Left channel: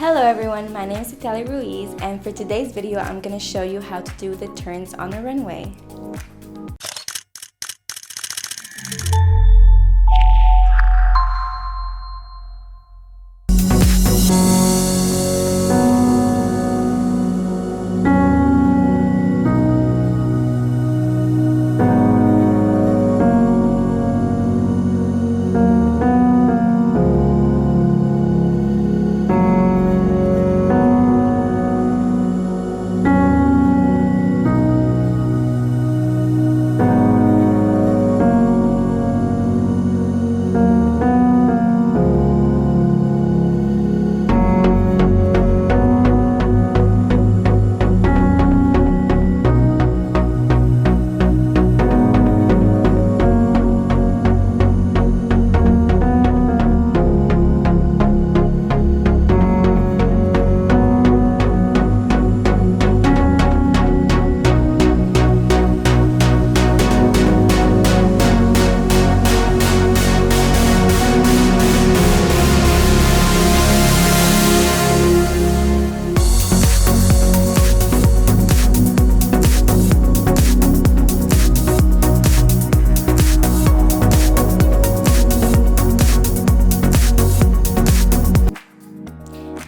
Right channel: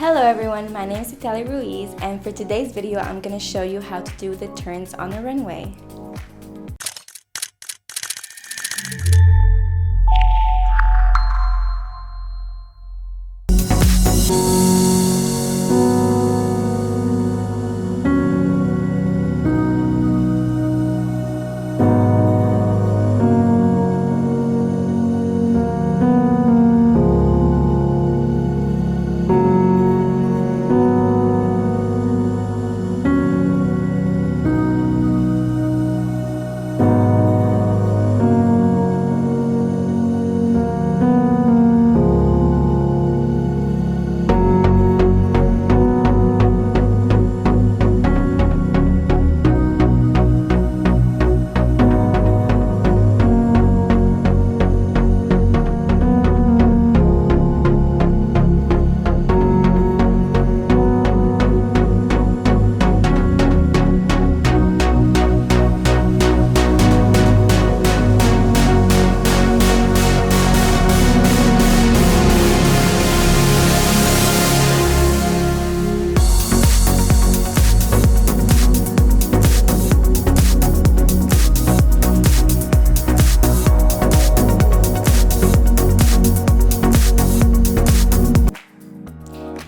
Hello everyone, my name is Citlalli Ruiz, and for today's video I'm going to show you how to do the turns on the runway.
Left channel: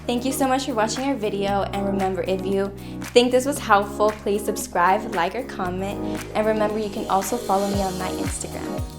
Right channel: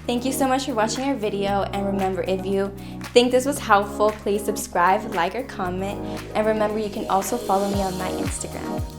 Thank you so much for watching our video, and remember, if you think this was helpful, please subscribe, like, or comment, and remember you can also follow me on my Instagram.